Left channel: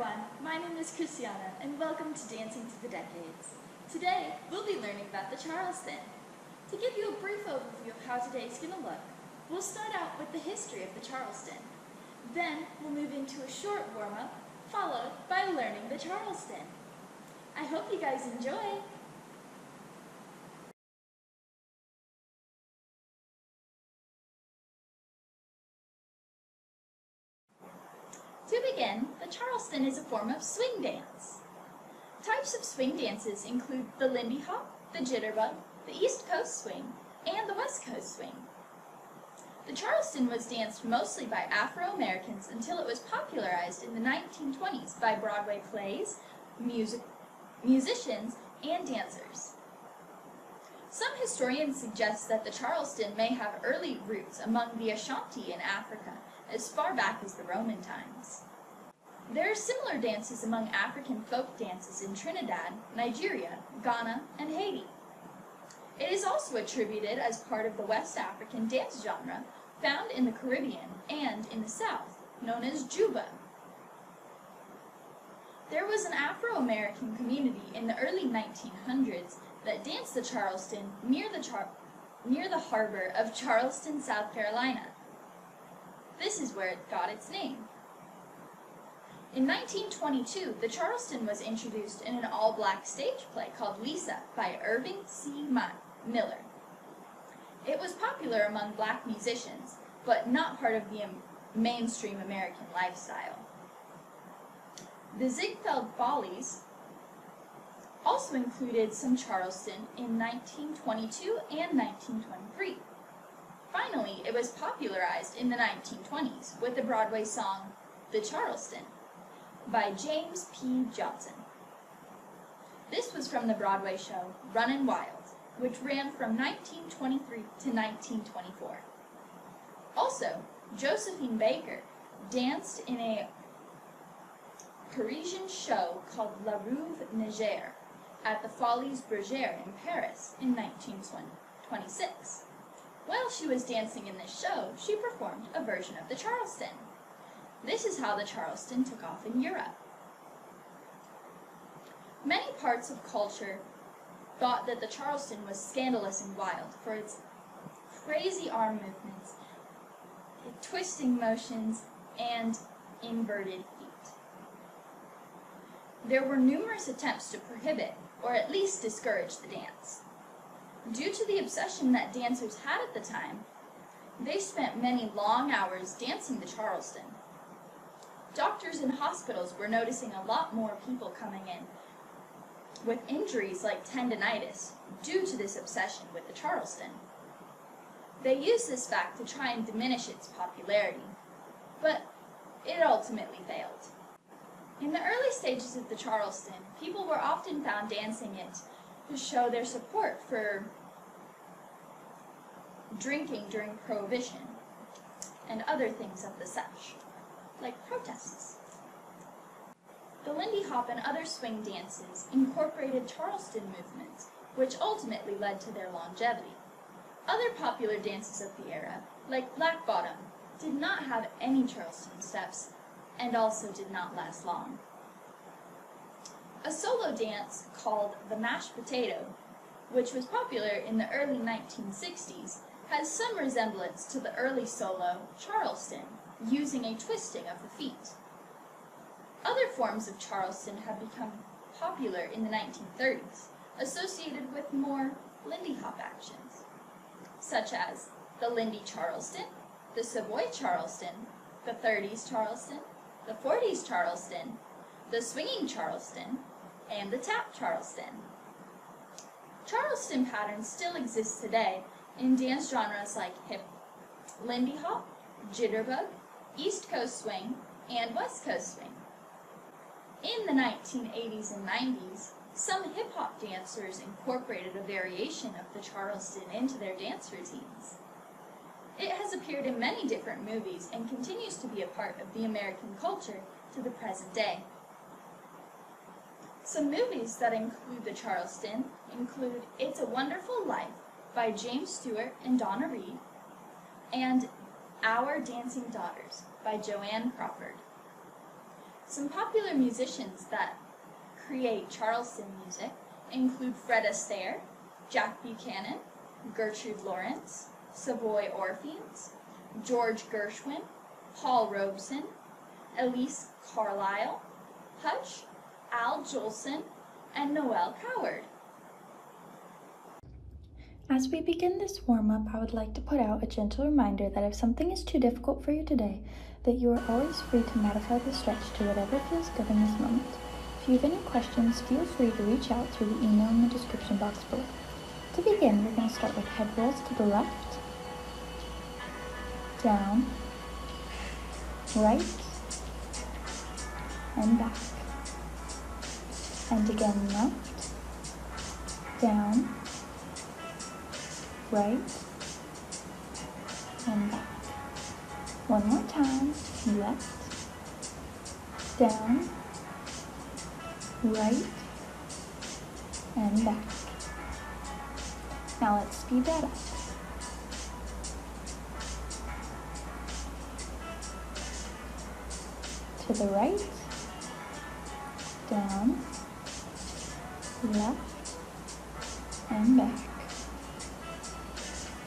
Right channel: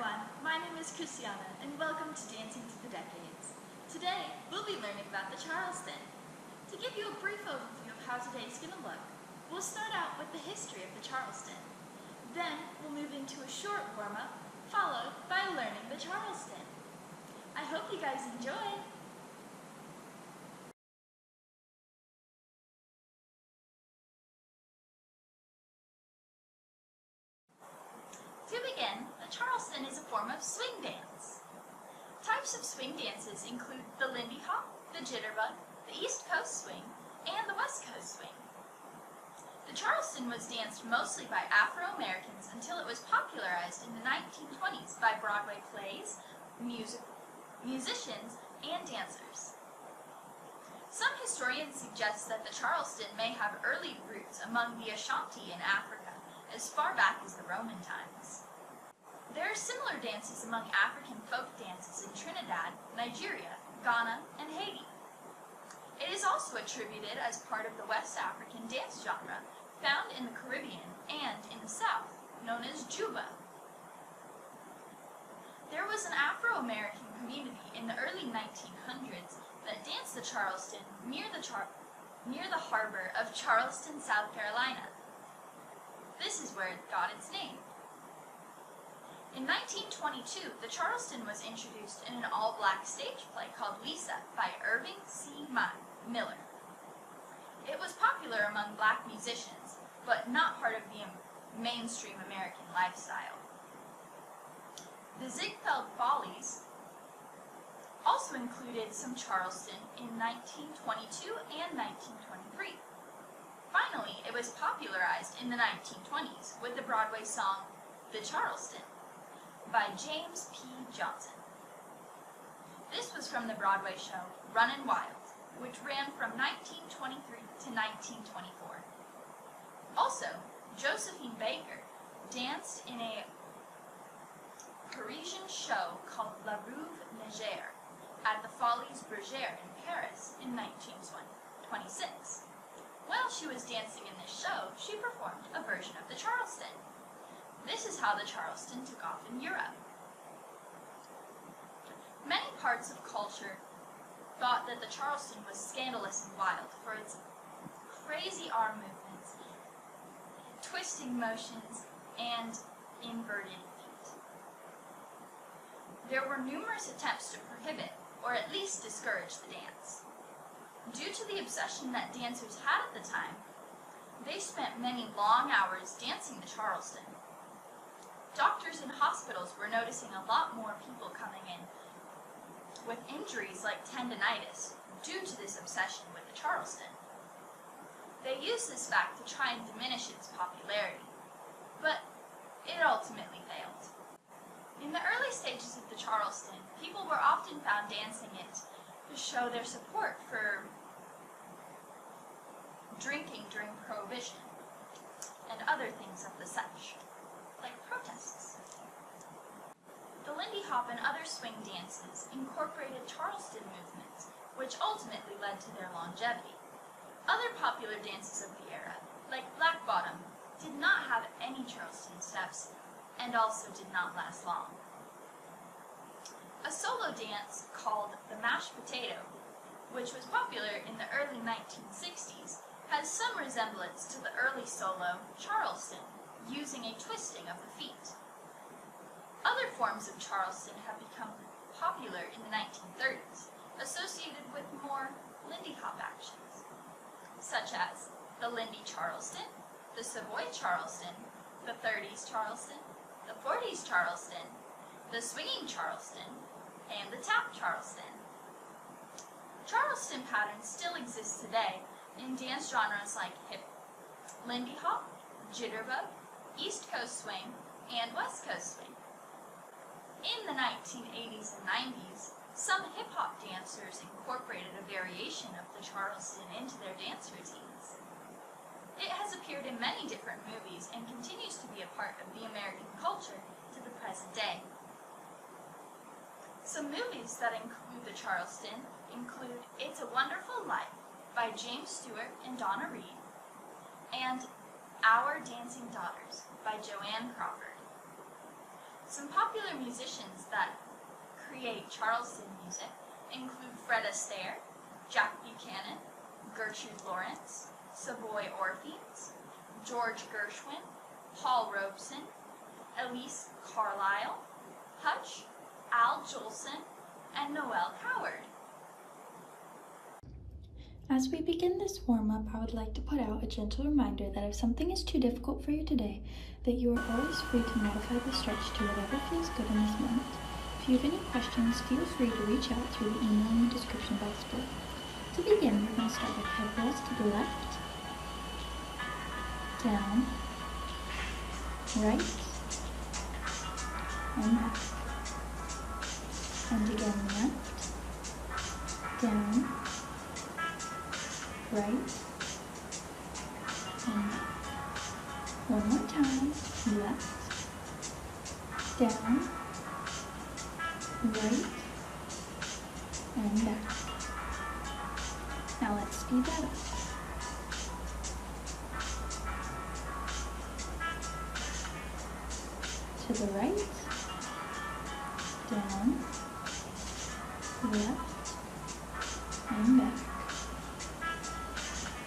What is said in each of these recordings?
everyone, my name is Christiana and welcome to Dancing to the Decades. Today, we'll be learning about the Charleston. To give you a brief overview of how today's going to look, we'll start out with the history of the Charleston. Then, we'll move into a short warm-up, followed by learning the Charleston. I hope you guys enjoy! To begin, the Charleston is a form of swing dance. Types of swing dances include the Lindy Hop, the Jitterbug, the East Coast Swing, and the West Coast Swing. The Charleston was danced mostly by Afro-Americans until it was popularized in the 1920s by Broadway plays, musicians, and dancers. Some historians suggest that the Charleston may have early roots among the Ashanti in Africa, as far back as the Roman times. There are similar dances among African folk dances in Trinidad, Nigeria, Ghana, and Haiti. It is also attributed as part of the West African dance genre found in the Caribbean and in the South, known as Juba. There was an Afro-American community in the early 1900s that danced the Charleston near the harbor of Charleston, South Carolina. This is where it got its name. In 1922, the Charleston was introduced in an all-black stage play called Lisa by Irving C. Miller. It was popular among black musicians, but not part of the mainstream American lifestyle. The Ziegfeld Follies also included some Charleston in 1922 and 1923. Finally, it was popularized in the 1920s with the Broadway song, The Charleston, by James P. Johnson. This was from the Broadway show Runnin' Wild, which ran from 1923 to 1924. Also, Josephine Baker danced in a Parisian show called La Rouve Négère at the Folies Bergère in Paris in 1926. While she was dancing in this show, she performed a version of the Charleston. This is how the Charleston took off in Europe. Many parts of culture thought that the Charleston was scandalous and wild for its crazy arm movements, twisting motions, and inverted feet. There were numerous attempts to prohibit, or at least discourage, the dance. Due to the obsession that dancers had at the time, they spent many long hours dancing the Charleston. Doctors and hospitals were noticing a lot more people coming in with injuries like tendinitis due to this obsession with the Charleston. They used this fact to try and diminish its popularity, but it ultimately failed. In the early stages of the Charleston, people were often found dancing it to show their support for drinking during Prohibition and other things of the such, like protests. The Lindy Hop and other swing dances incorporated Charleston movements, which ultimately led to their longevity. Other popular dances of the era, like Black Bottom, did not have any Charleston steps and also did not last long. A solo dance called the mashed potato, which was popular in the early 1960s, has some resemblance to the early solo Charleston, using a twisting of the feet. Other forms of Charleston have become popular in the 1930s, associated with more Lindy Hop actions, such as the Lindy Charleston, the Savoy Charleston, the 30s Charleston, the 40s Charleston, the Swinging Charleston, and the Tap Charleston. Charleston patterns still exist today in dance genres like hip, Lindy Hop, Jitterbug, East Coast Swing, and West Coast Swing. In the 1980s and 90s, some hip-hop dancers incorporated a variation of the Charleston into their dance routines. It has appeared in many different movies and continues to be a part of the American culture to the present day. Some movies that include the Charleston include It's a Wonderful Life by James Stewart and Donna Reed, and Our Dancing Daughters by Joanne Crawford. Some popular musicians that create Charleston music include Fred Astaire, Jack Buchanan, Gertrude Lawrence, Savoy Orpheans, George Gershwin, Paul Robeson, Elise Carlisle, Hutch, Al Jolson, and Noel Coward. As we begin this warm-up, I would like to put out a gentle reminder that if something is too difficult for you today, that you are always free to modify the stretch to whatever feels good in this moment. If you have any questions, feel free to reach out through the email in the description box below. To begin, we're going to start with head rolls to the left, down, right, and back. And again, left, down, right, and back. One more time, left, down, right, and back. Now let's speed that up. To the right, down, left, and back.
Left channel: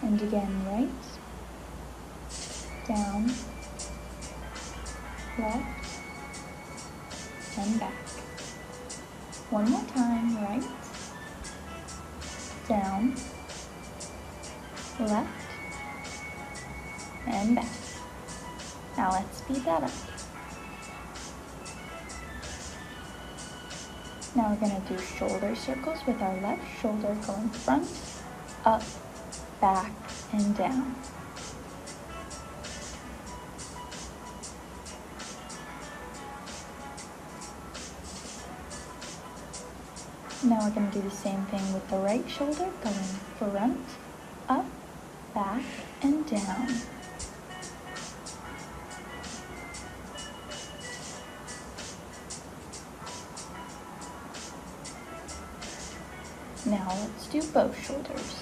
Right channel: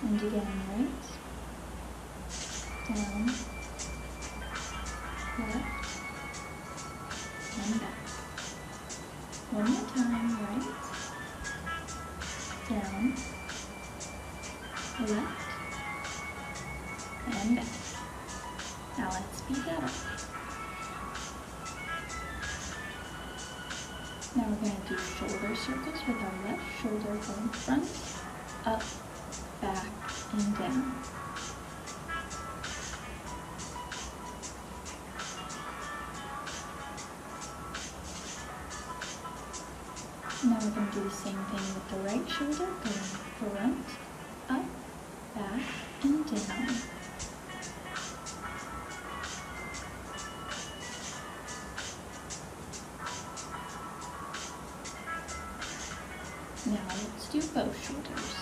And again, right, down, left, and back. One more time, right, down, left, and back. Now let's speed that up. Now we're going to do shoulder circles with our left shoulder going front, up, back, and down. Now we're going to do the same thing with the right shoulder going front, up, back, and down. Now let's do both shoulders.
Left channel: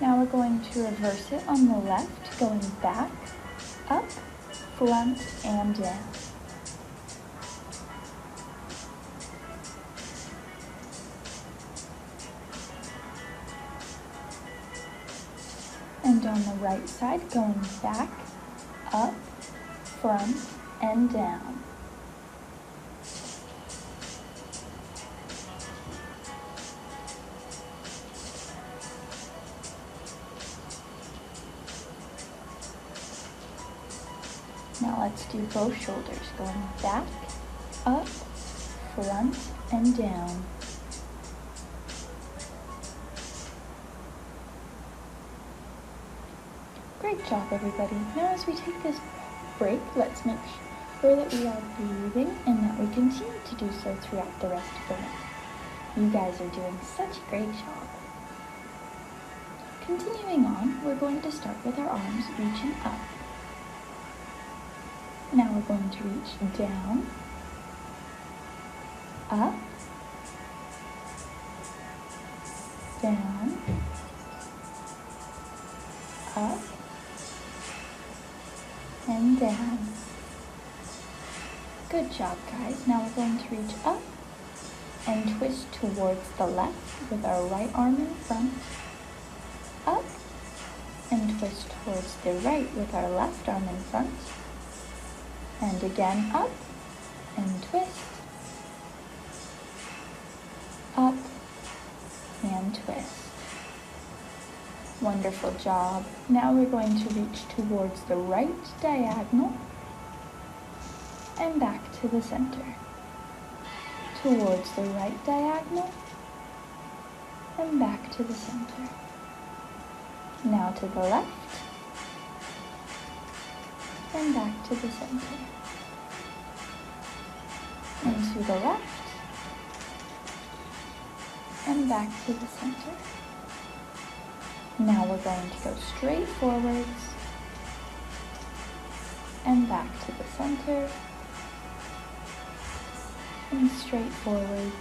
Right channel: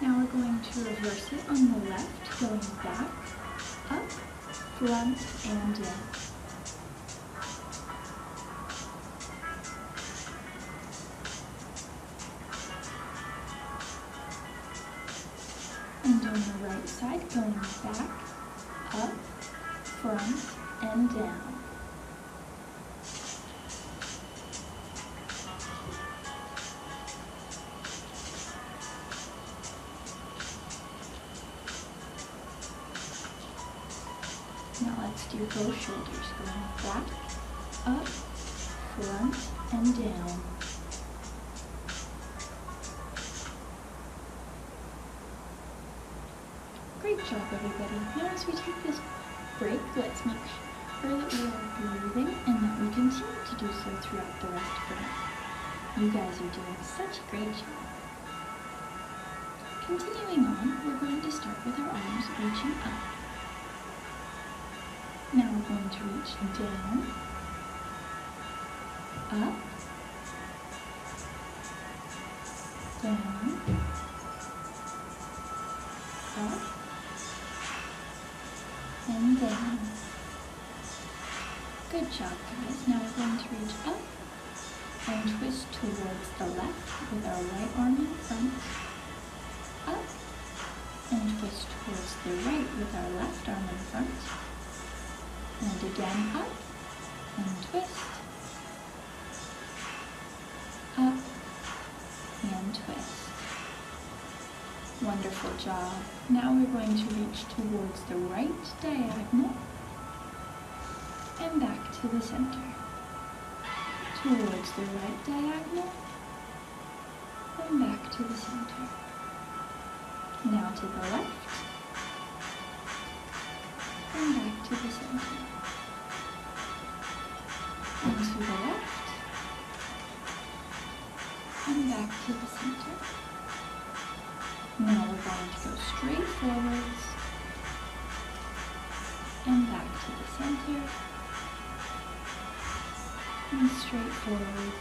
Now we're going to reverse it on the left, going back, up, front, and down. And on the right side, going back, up, front, and down. Now let's do both shoulders, going back, up, front, and down. Great job, everybody. Now as we take this break, let's make sure that we are breathing and that we continue to do so throughout the rest of the night. You guys are doing such a great job. Continuing on, we're going to start with our arms reaching up. Now we're going to reach down, up, down, up, and down. Good job, guys. Now we're going to reach up and twist towards the left with our right arm in front, up, and twist towards the right with our left arm in front, and again up, and twist, up, and twist. Wonderful job. Now we're going to reach towards the right diagonal, and back to the center. Towards the right diagonal, and back to the center. Now to the left, and back to the center. And to the left, and back to the center. Now we're going to go straight forwards, and back to the center, and straight forwards,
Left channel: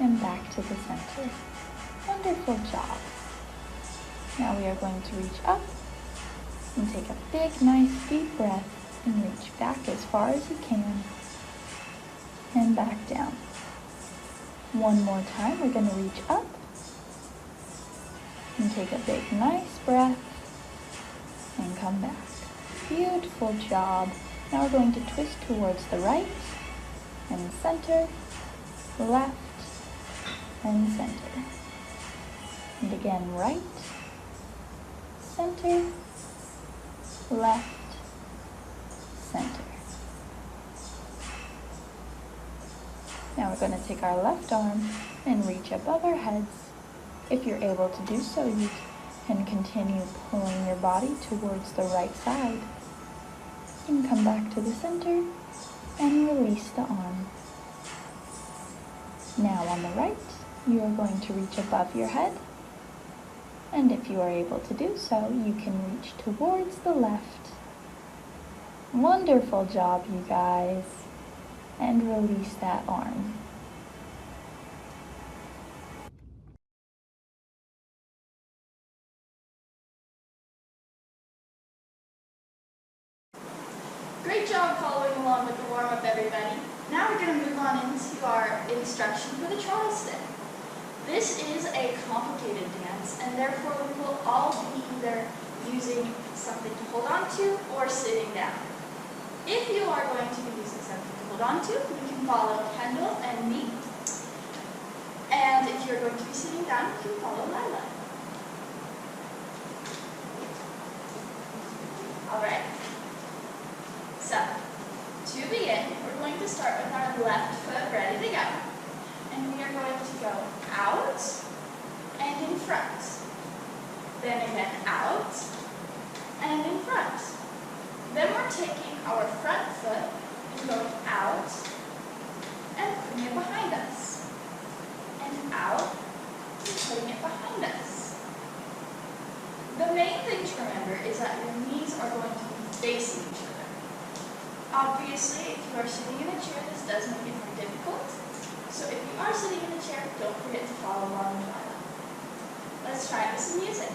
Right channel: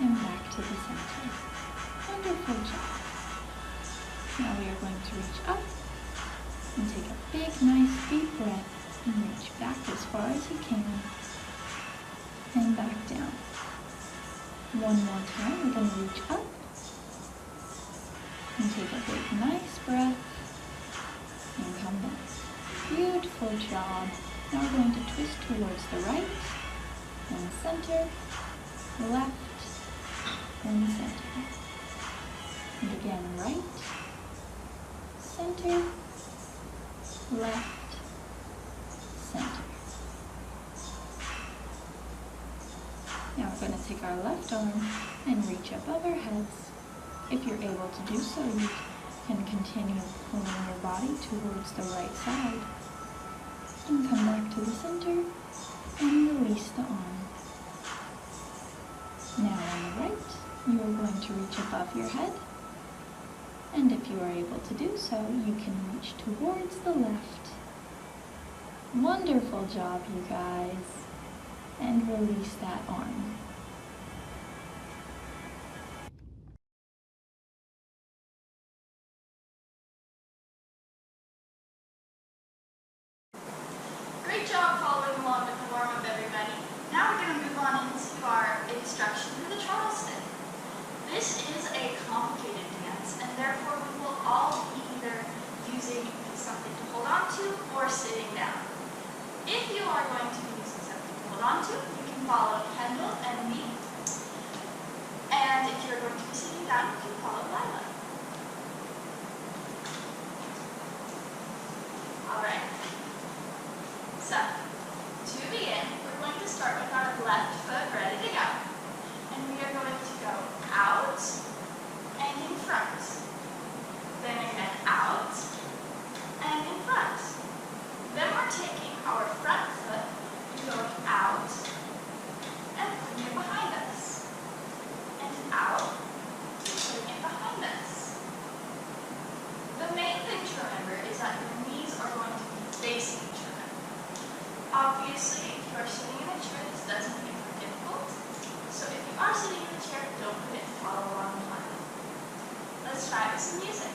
and back to the center. Wonderful job. Now we are going to reach up and take a big, nice, deep breath and reach back as far as you can and back down. One more time, we're going to reach up and take a big, nice breath and come back. Beautiful job. Now we're going to twist towards the right and center, left and center. And again, right, center, left, center. Now we're going to take our left arm and reach above our heads. If you're able to do so, you can continue pulling your body towards the right side. And come back to the center and release the arm. Now on the right, you are going to reach above your head. And if you are able to do so, you can reach towards the left. Wonderful job, you guys. And release that arm. Great job following along with the warm-up, everybody. Now we're going to move on into our instruction for the Charleston. This is a complicated dance, and therefore we will all be either using something to hold on to or sitting down. If you are going to be using something to hold on to, you can follow Kendall and me. And if you're going to be sitting down, you can follow Lila. All right. So, to begin, we're going to start with our left foot ready to go. And we are going to go out and in front. Then again out and in front. Then we're taking our front foot and going out and putting it behind us. And out and putting it behind us. The main thing to remember is that your knees are going to be facing each other. Obviously, if you are sitting in a chair, this does make it more difficult. So if you are sitting in a chair, don't forget to follow along with Lila. Let's try it with some music.